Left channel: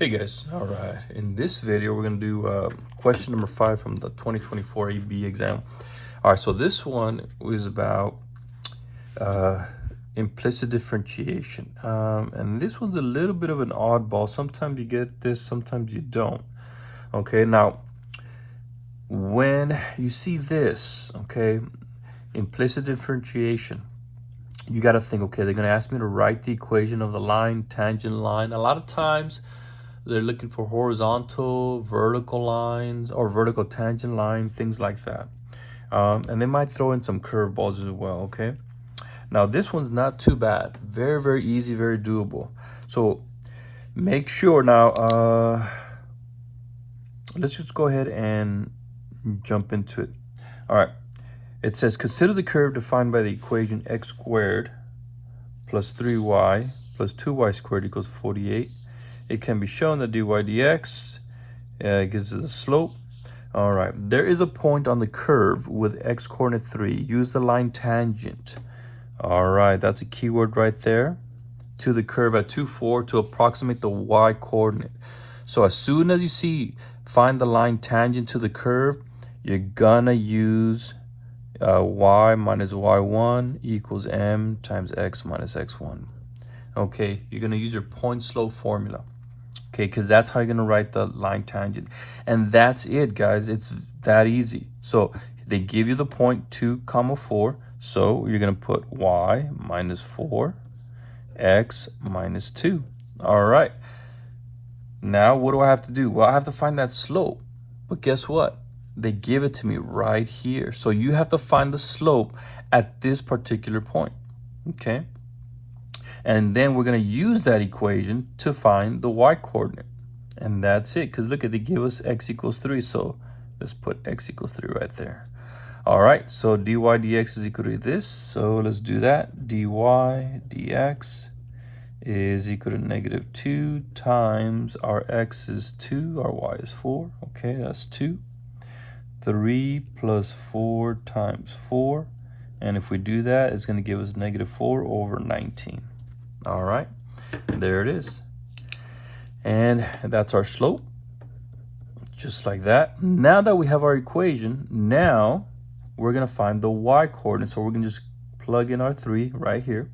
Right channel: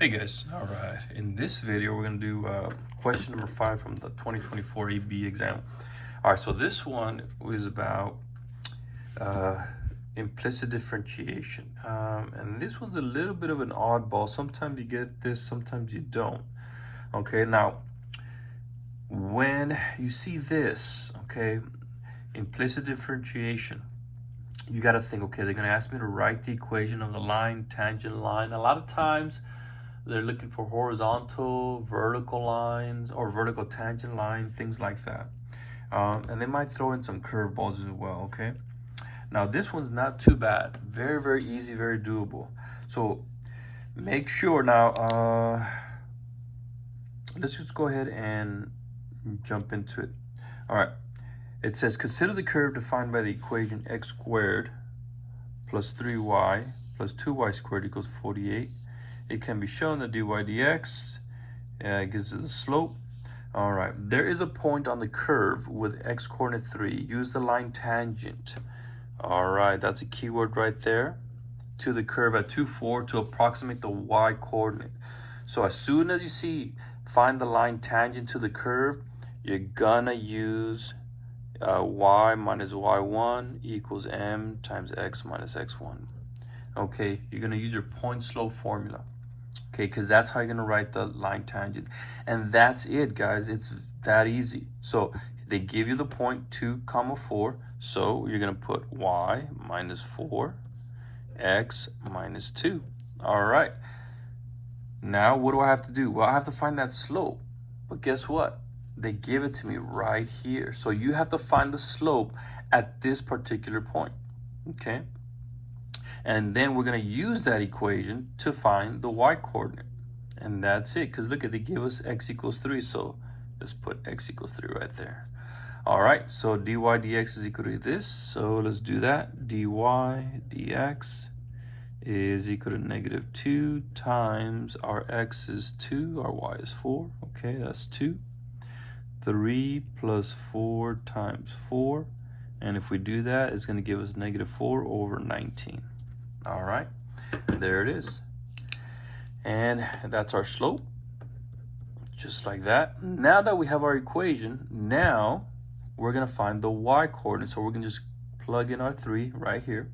Hey guys, all right. In this video, we're gonna do question number 5 from the 2024 AB exam. All right, so this one is about uh, implicit differentiation. And this one's a little bit of an oddball. Sometimes you get this, sometimes you don't. Okay, now, when you see this, okay, implicit differentiation, you gotta think, okay, they're gonna ask me to write the equation of the line, tangent line. A lot of times, they're looking for horizontal, vertical lines, or vertical tangent line, things like that. And they might throw in some curveballs as well, okay? Now, this one's not too bad. Very, very easy, very doable. So make sure now, let's just go ahead and jump into it. All right, it says, consider the curve defined by the equation x squared plus 3y plus 2y squared equals 48. It can be shown that dy dx gives us a slope. All right, there is a point on the curve with x coordinate 3. Use the line tangent. All right, that's a keyword right there. To the curve at 2, 4 to approximate the y coordinate. So as soon as you see find the line tangent to the curve, you're gonna use y minus y1 equals m times x minus x1. Okay, you're gonna use your point slope formula. Okay, because that's how you're gonna write the line tangent. And that's it, guys. It's that easy. So they give you the point 2, 4. So you're gonna put y minus 4, x minus 2. All right. Now what do I have to do? Well, I have to find that slope. But guess what? They give it to me right here. So you have to find the slope at this particular point. Okay. And then we're going to use that equation to find the y coordinate. And that's it, because look, they give us x equals 3. So let's put x equals 3 right there. All right, so dy dx is equal to this. So let's do that. Dy dx is equal to negative 2 times our x is 2, our y is 4. Okay, that's 2. 3 plus 4 times 4. And if we do that, it's going to give us negative 4 over 19. All right, there it is. And that's our slope, just like that. Now that we have our equation, now we're gonna find the y coordinate. So we're gonna just plug in our 3 right here.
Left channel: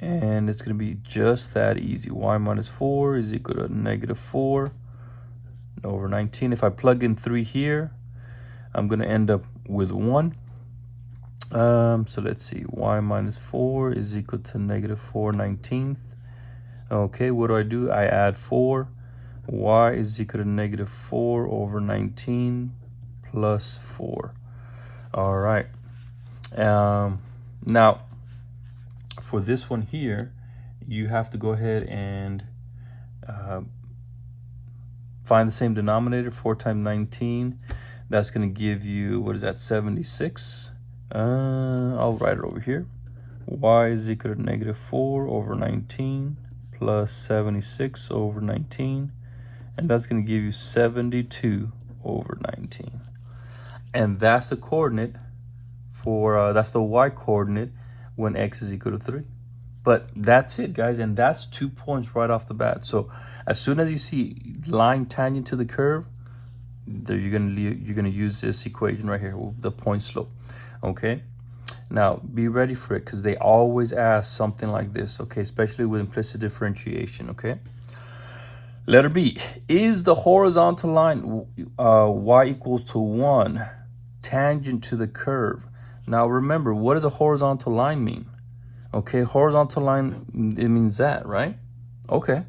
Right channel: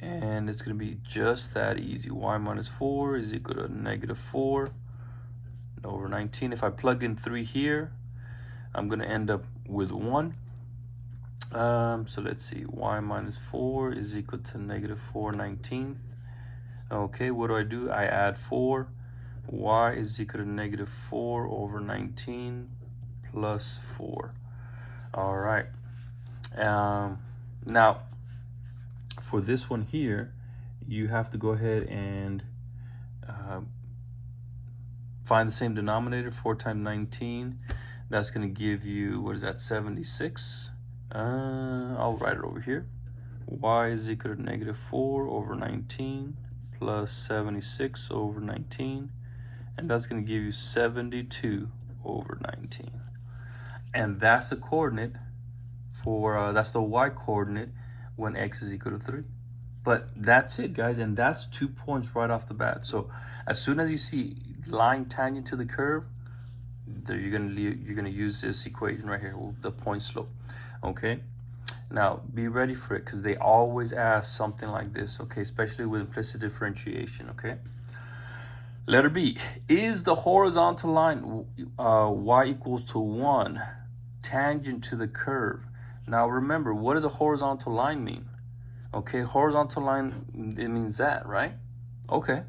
And it's gonna be just that easy. Y minus 4 is equal to negative 4 over 19. If I plug in 3 here, I'm gonna end up with 1. So let's see, y minus 4 is equal to negative 4 19th. Okay, what do? I add 4. Y is equal to negative 4 over 19 plus 4. All right. Now, for this one here, you have to go ahead and find the same denominator. 4 times 19. That's going to give you, what is that, 76. I'll write it over here. Y is equal to negative 4 over 19 plus 76 over 19. And that's going to give you 72 over 19. And that's the coordinate for, that's the y coordinate when x is equal to 3. But that's it, guys. And that's 2 points right off the bat. So as soon as you see line tangent to the curve, you're gonna use this equation right here, the point slope. Okay, now be ready for it, because they always ask something like this. Okay, especially with implicit differentiation. Okay, letter B, is the horizontal line y equals to 1 tangent to the curve? Now remember, what does a horizontal line mean? Okay, horizontal line, it means that, right? Okay,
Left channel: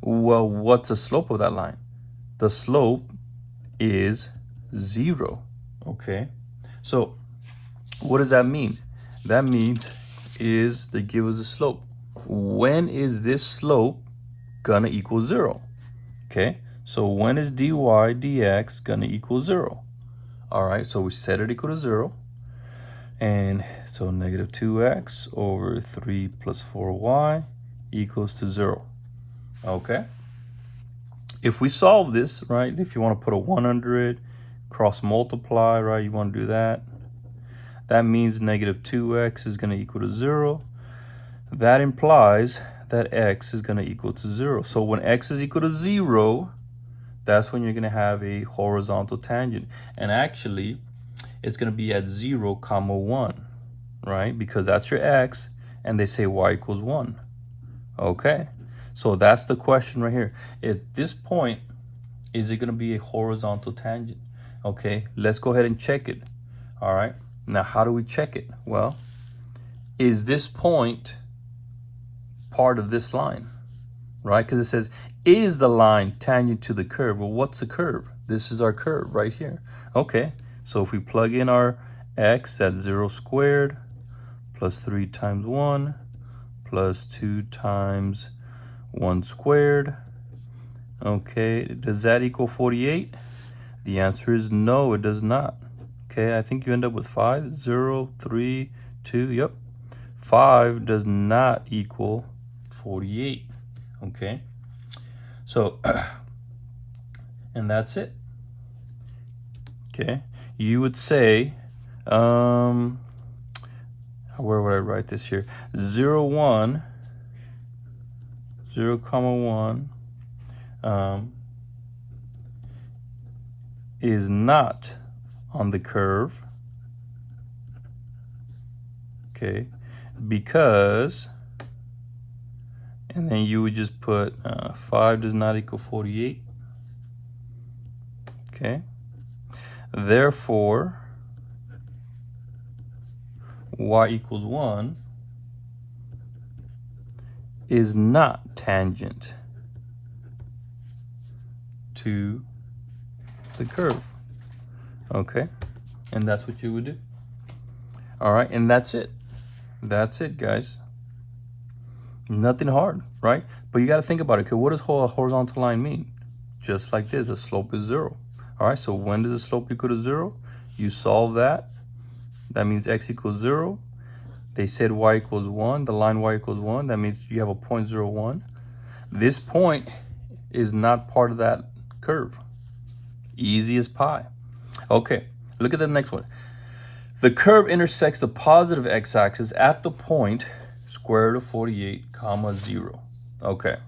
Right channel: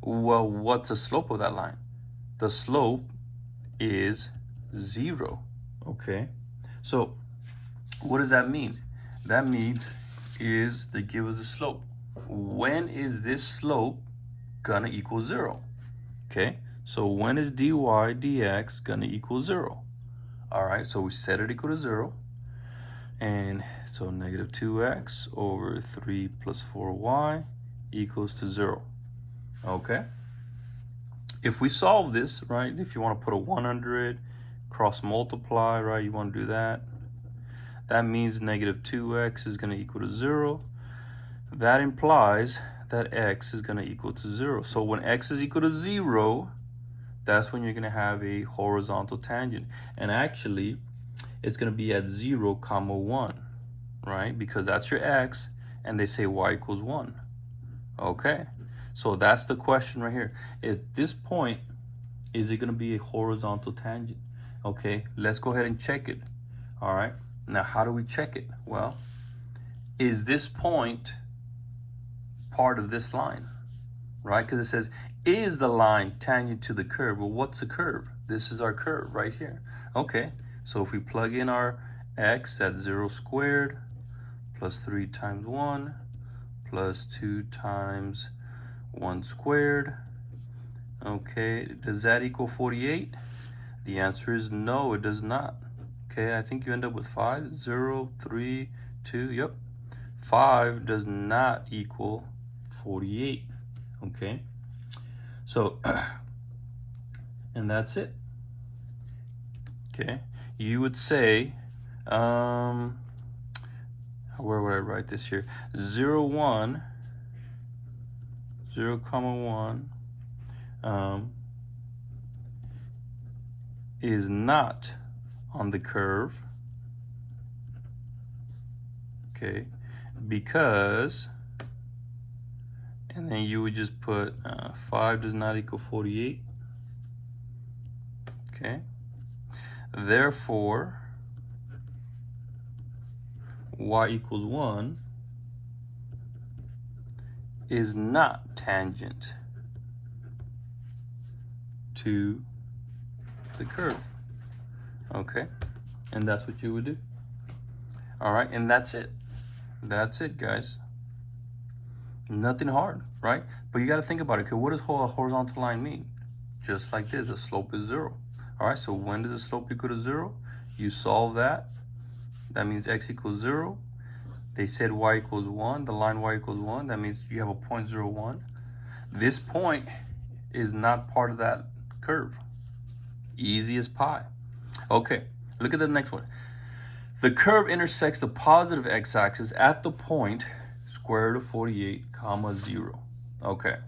well, what's the slope of that line? The slope is 0. Okay, so what does that mean? That means is they give us a slope. When is this slope gonna equal 0? Okay, so when is dy dx gonna equal 0? All right, so we set it equal to 0. And so negative 2x over 3 plus 4y equals to 0. Okay, if we solve this, right, if you want to put a 100, cross multiply, right, you want to do that. That means negative 2x is going to equal to 0. That implies that x is going to equal to 0. So when x is equal to 0, that's when you're going to have a horizontal tangent. And actually, it's going to be at 0, 1, right? Because that's your x, and they say y equals 1. Okay, so that's the question right here. At this point, is it going to be a horizontal tangent? Okay, let's go ahead and check it. All right, now how do we check it? Well, is this point part of this line, right? Because it says, is the line tangent to the curve? Well, what's the curve? This is our curve right here. Okay, so if we plug in our x, that's 0 squared plus 3 times 1 plus 2 times 1 squared. Okay, does that equal 48? The answer is no, it does not. Okay, I think you end up with 5, 0, 3, 2, yep. 5 does not equal 48, okay? So, and that's it. Okay, you would say, where would I write this here? 0, 1, 0, 1, is not on the curve, okay, because, and then you would just put 5 does not equal 48, okay, therefore y equals 1 is not tangent to the curve. Okay, and that's what you would do. All right, and that's it. That's it, guys. Nothing hard, right? But you got to think about it. Okay, what does a horizontal line mean? Just like this, the slope is 0. All right, so when does the slope equal to 0? You solve that. That means x equals 0. They said y equals 1. The line y equals 1. That means you have a 0.01. This point is not part of that curve. Easy as pie. Okay, look at the next one. The curve intersects the positive x-axis at the point square root of 48, 0. Okay,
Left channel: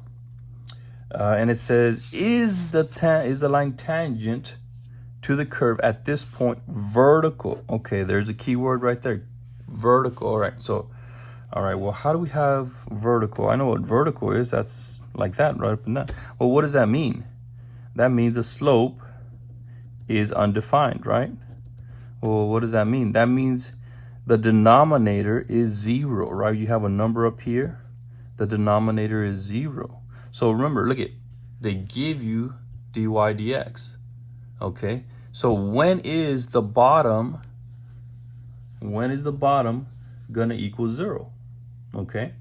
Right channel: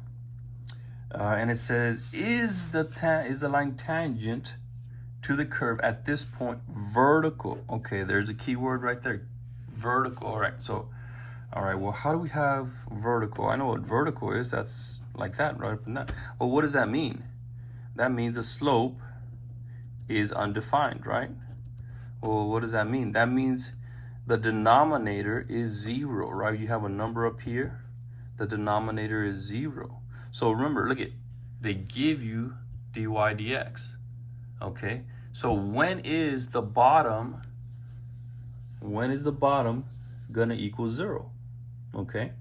and it says, is the line tangent to the curve at this point vertical? Okay, there's a key word right there, vertical. All right, so, all right, well, how do we have vertical? I know what vertical is. That's like that, right up and down. Well, what does that mean? That means the slope is undefined, right? Well, what does that mean? That means the denominator is 0, right? You have a number up here. The denominator is 0. So remember, look at, they give you dy dx. Okay, so when is the bottom gonna equal 0? Okay,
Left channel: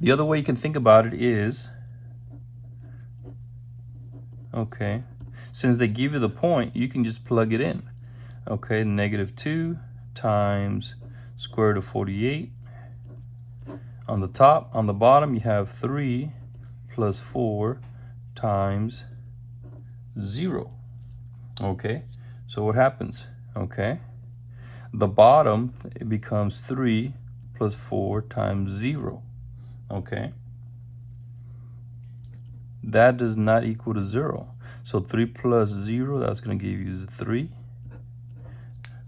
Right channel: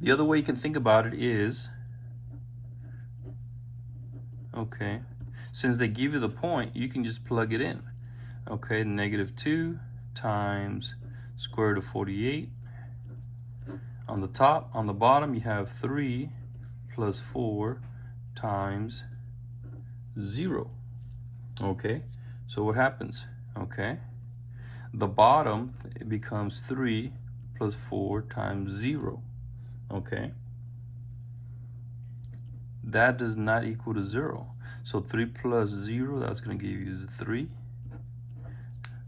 the other way you can think about it is, okay, since they give you the point, you can just plug it in. Okay, -2 times square root of 48. On the top, on the bottom, you have 3 plus 4 times 0. Okay, so what happens? Okay, the bottom, it becomes 3 plus 4 times 0. Okay, that does not equal to 0. So 3 plus 0, that's going to give you 3.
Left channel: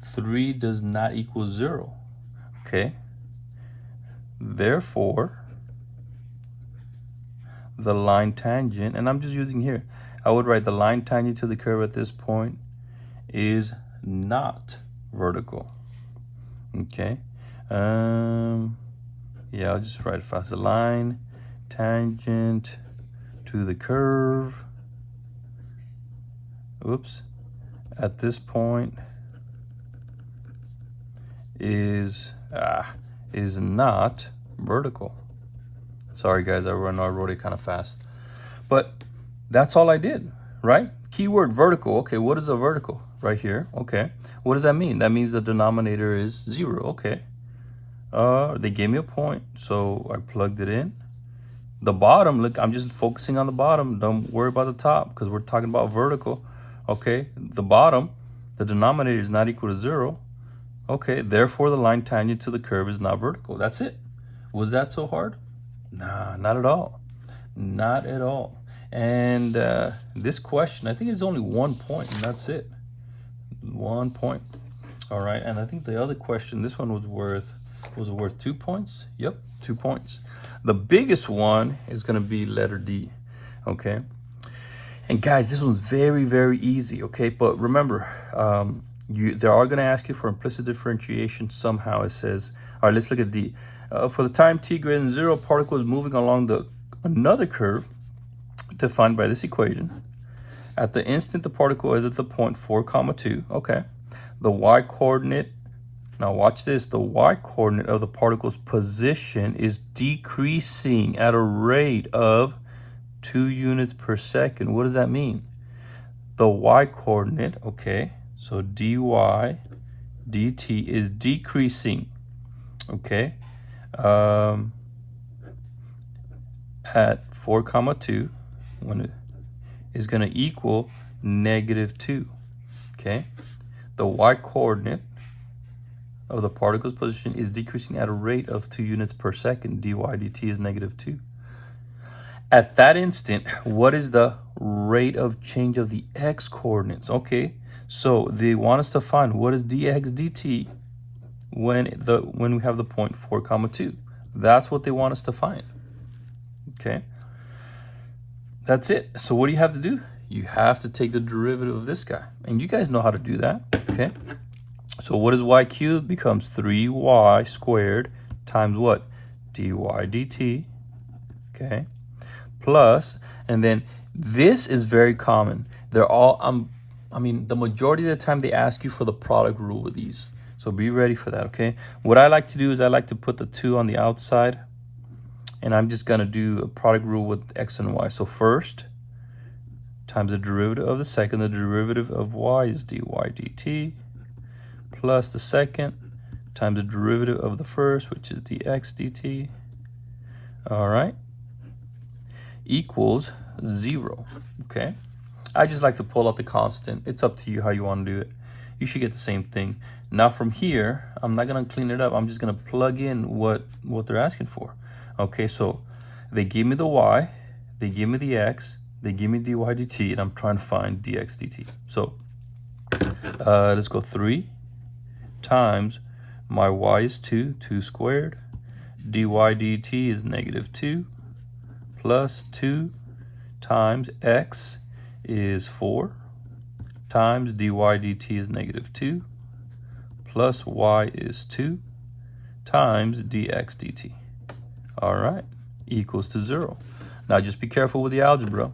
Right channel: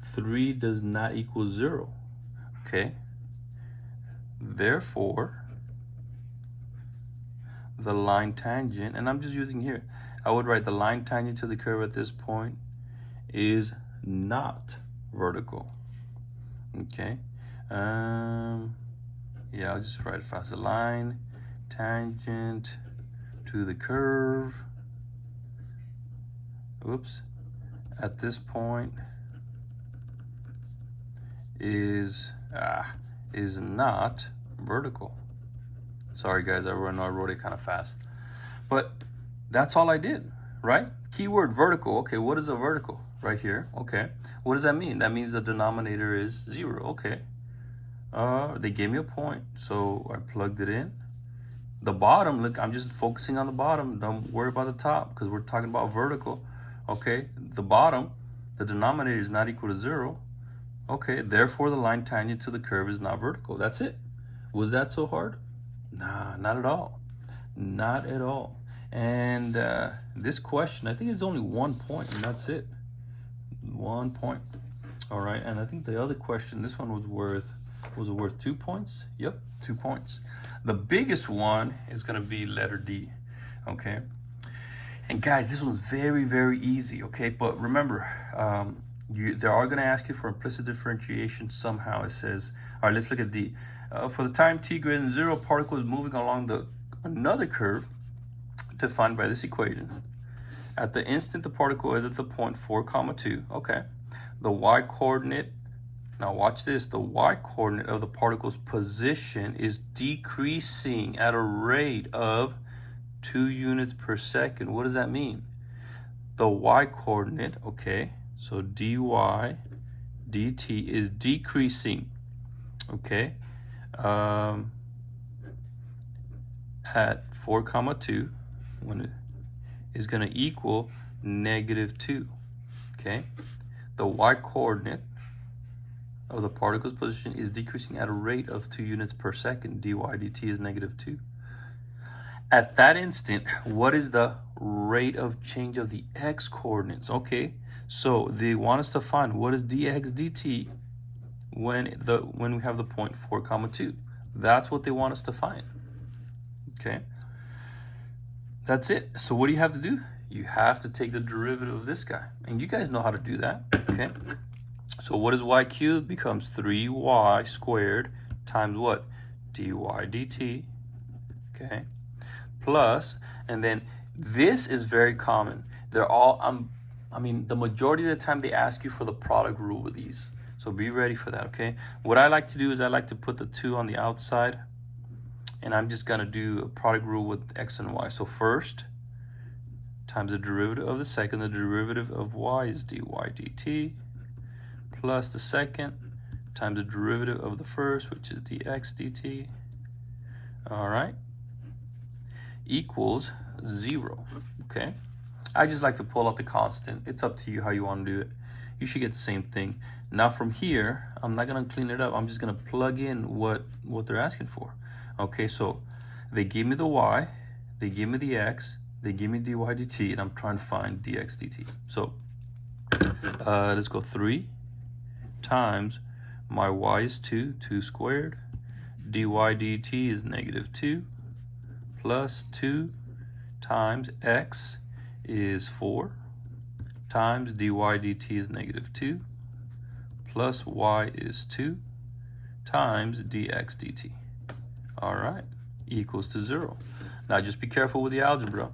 3 does not equal 0. Okay, therefore the line tangent, and I'm just using here, I would write the line tangent to the curve at this point is not vertical. Okay, yeah, I'll just write it fast. The line tangent to the curve, oops, at this point is not vertical. Sorry guys, I wrote it kind of fast, but that's all I did, right? Keyword vertical. Okay, what is a vertical? Right here. Okay, what does that mean? That means the denominator is 0. Okay, they gave me a point, so I plugged it in. The bottom, look, I'm just focusing on the bottom. Don't worry about the top because we're talking about vertical. Okay, the bottom, the denominator is not equal to 0. Okay, therefore the line tangent to the curve is not vertical. That's it. Was that so hard? Nah, not at all. Not at all. And this question, I think it's only 1 point, and that's it. 1 point. All right, and I think the other question, this one was worth 2 points? Yep, 2 points. The biggest one is gonna be letter D, okay? And guys, this one's very, very easy, okay? But remember, they are gonna ask you for implicit differentiation somehow. It says, all right, let's look at D. For the time t greater than 0, a particle is moving along another curve defined by this equation. At the instant the particle is at the point 4, 2, okay. The y-coordinate, now watch this, the y-coordinate of the particle's position is decreasing at a rate of 2 units per second. What does that mean? The y-coordinate, okay, so dy dt is decreasing, okay, at 4, 2, when it is going to equal -2, okay? The y-coordinate of the particle's position is decreasing at a rate of 2 units per second. dy dt is -2. At that instant, what is the rate of change of the x-coordinates? Okay, so they want us to find what is dx dt when we have the point 4, 2. That's what they want us to find. Okay, that's it. So what do you have to do? You have to take the derivative of this guy, and you guys know how to do that. Okay, so what is y cubed? Becomes 3y squared times what? dy dt. Okay, plus, and then this is very common. They're all I mean, the majority of the time they ask you for the product rule with these, so be ready for that. Okay, what I like to do is I like to put the 2 on the outside, and I'm just gonna do a product rule with x and y. So first times the derivative of the second, the derivative of y is dy dt, plus the second times the derivative of the first, which is dx dt, all right, equals 0, okay? I just like to pull out the constant. It's up to you how you want to do it. You should get the same thing. Now from here, I'm not gonna clean it up. I'm just gonna plug in what they're asking for. Okay, so they give me the y, they give me the x, they give me dy dt, and I'm trying to find dx dt. So let's go 3 times my y is 2 squared, dy dt is -2, plus 2 times x is 4, times dy dt is -2, plus y is 2, times dx dt. All right, equals to 0. Now just be careful with the algebra.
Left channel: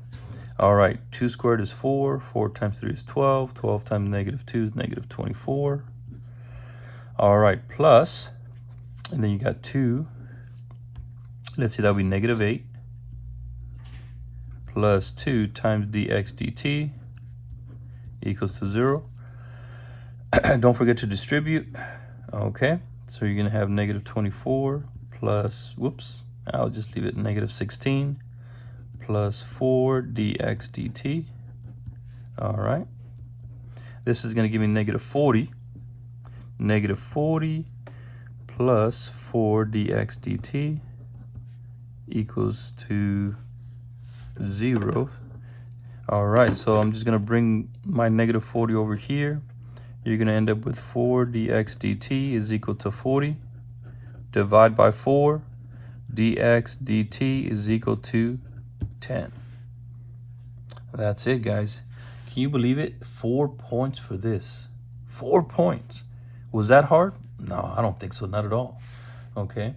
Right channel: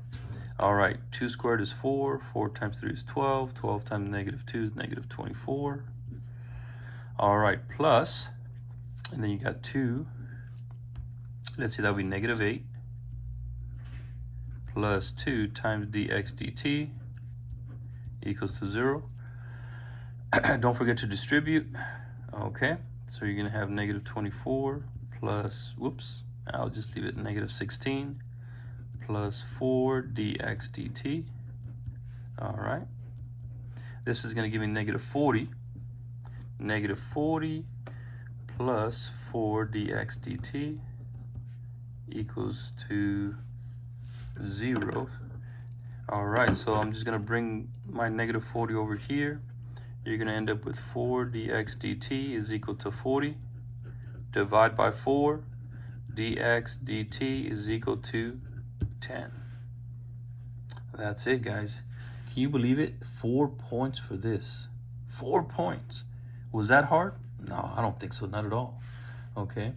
All right, 2 squared is 4, 4 times 3 is 12, 12 times -2 is -24. All right, plus, and then you got 2, let's see, that would be -8, plus 2 times dx dt equals to 0. Don't forget to distribute. Okay, so you're gonna have -24 plus, whoops, I'll just leave it -16 plus 4 dx dt. All right, this is gonna give me -40. -40 plus 4 dx dt equals to 0. All right, so I'm just gonna bring my -40 over here. You're gonna end up with 4 dx dt is equal to 40. Divide by 4, dx dt is equal to 10. That's it, guys. Can you believe it? 4 points for this. 4 points. Was that hard? No, I don't think so. Not at all. Okay,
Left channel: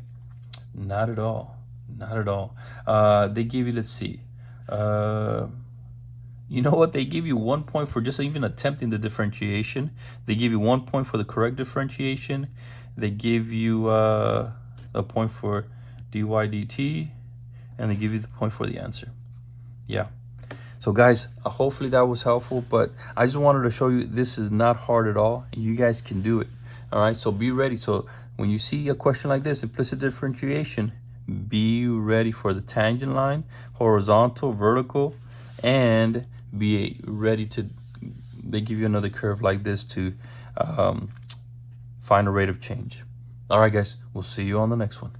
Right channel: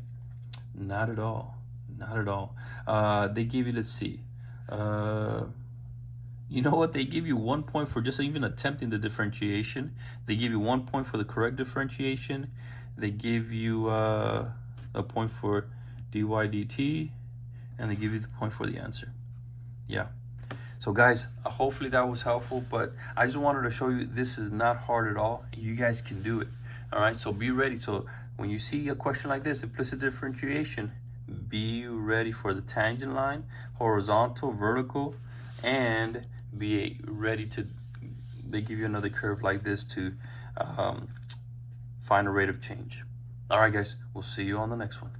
not at all. Not at all. They give you, let's see. You know what? They give you 1 point for just even attempting the differentiation. They give you 1 point for the correct differentiation. They give you a point for dy dt, and they give you the point for the answer. Yeah. So guys, hopefully that was helpful, but I just wanted to show you this is not hard at all, and you guys can do it. All right, so be ready. So when you see a question like this, implicit differentiation, be ready for the tangent line, horizontal, vertical, and be ready to, they give you another curve like this to find a rate of change. All right, guys, we'll see you on the next one.